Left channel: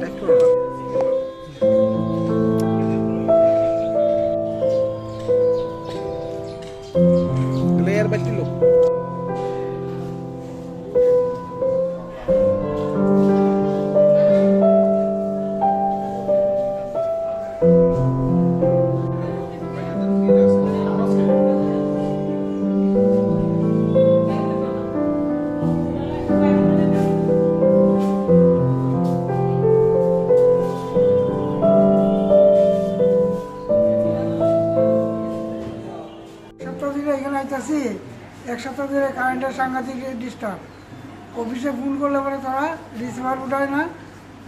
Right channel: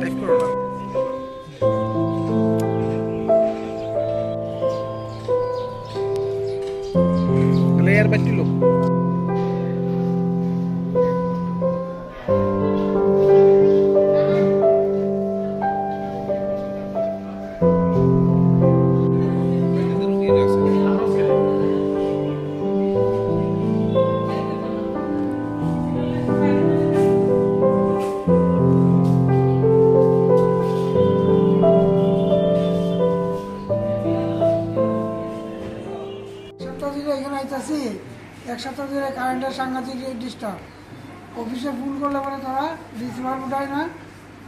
Type করো না। Layer বাটি লোক এখানে আইতাছি, এক সপ্তাহ ধরে কারেন্টের সাংঘাতিক ডিস্টার্ব। অফিসে ফোন করলে পরে তারা রিসিভার উঠায় না,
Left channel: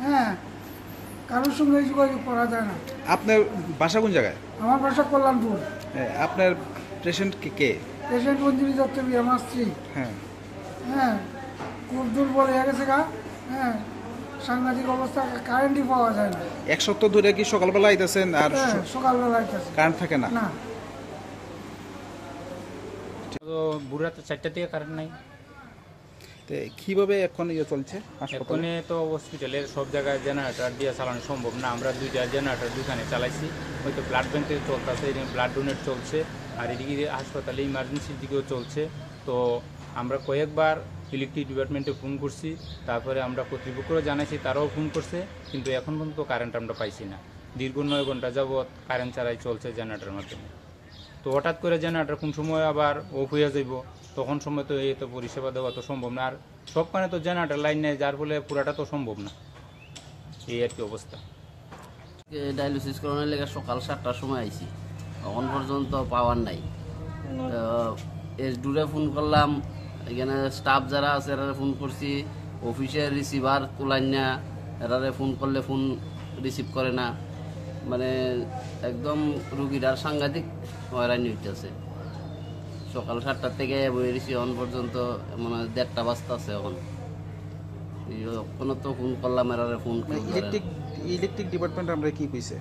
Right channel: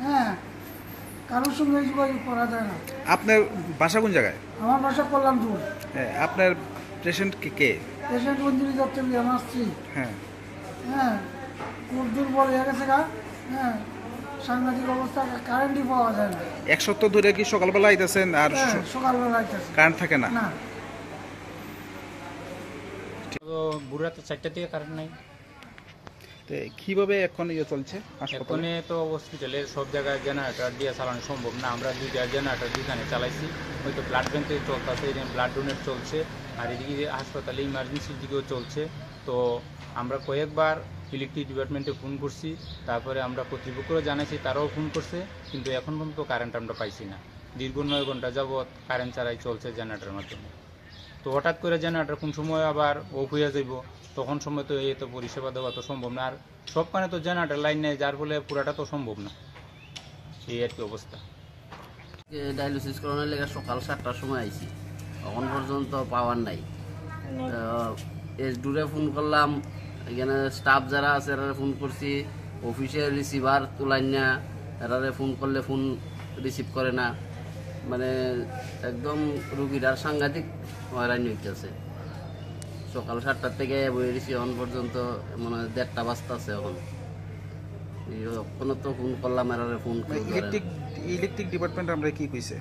হ্যাঁ, কারোর সঙ্গে যোগাযোগ করা যায় না। আপনার বাসা কোন জায়গায়? আমার বাসা কল্যাণপুর। আপনার পেশেন্ট কে? পেশেন্ট অঞ্জলি দত্ত, আমার স্ত্রী। হ্যাঁ হ্যাঁ, খুব দুর্বল হয়ে গেছে গা। হ্যাঁ, সাংঘাতিক অবস্থা, কারেন্টই পাওয়া যায় না। এক সপ্তাহ ধরে কি সকালবেলা আইতেছেন আর সকালবেলা আইতেছে, কারেন্ট থাকে না? না, বুড়াতে 4টা থেকে কারেন্ট নাই। কিভাবে এখন চলছে এখানে তো হসপিটালের সব জায়গায় জেনারেটর দিয়ে চালানো সম্ভব না। আমরা 2টা জেনারেটর দুখানে চালাইছি, হয়তো ব্লাড ব্যাংক থেকে চলতেছে, এদিকে ব্লাড ডোনেট চলছে, আর এদিকে হাসপাতালে ইমার্জেন্সির দিকেও চলছে। তো আমরা কয়েকবার ইলেকট্রিক ডিপার্টমেন্টে ফোন করছি, তারপরে আমরা কর্তৃপক্ষরা জানাইছি, তারাও ফোন করছে, কিন্তু এখন পর্যন্ত কারেন্ট আমরা পাইছি না। দীর্ঘ 9 ঘন্টা যাবৎ কারেন্ট ছাড়াই চলছে জেনারেটরের মাধ্যমে। তো হঠাৎ করে জেনারেটর কোন সময় আবার অফ হয়ে যাইব, তখন সময় তো এই তো পরিষেবা দেওয়া তো সম্ভব না। আর সবখানে তো জেনারেটর লাইন নেই, যার ফলে পুরাটা তো সম্ভব না। এই আর কি অবস্থা। ডায়ালিসিস করানোর লেগে সকাল 7টার সময় আইছি, এখন পর্যন্ত পাওয়ার নাই। দূরে ফোন করলাম, এখানে স্টাফ যারা আছে এরা ফোন করছি, অফিসের রিসিভার তোলাইন না, এরা ফোন করলে ফোন রিসিভ করে না। মানে একদম রুগীটার সাংঘাতিক হয়রানি হইতেছে। সকাল 7টার থেকে বই রিসি এখন পর্যন্ত মানে 1:30 বাজতেছে। এখনো তো ফোন করলাম, এরা ফোন ইলেকট্রিক ডিপার্টমেন্ট আমরা কি কইছে?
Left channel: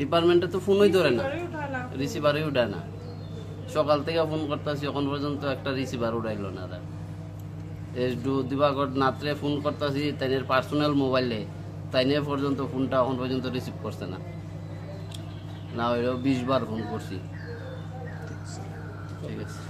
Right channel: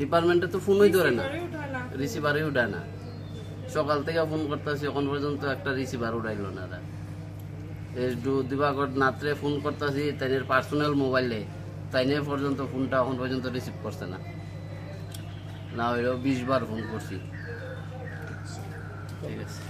ডিপার্টমেন্টে তো ফোনই ধরে না, রিসিভারই উঠায় না। সকাল থেকে ফোন করতেছি, এখন পর্যন্ত একটা রিসিভার উঠাইল না। দিবাগর নাত্রে ফোন করতেছি তাইনের পার্সোনাল মোবাইলে, তাইনে পর্যন্ত ফোনটা এখন পর্যন্ত রিসিভ করছে না। না হইলেও 20 বার ফোন করছি। ঠিক আছে।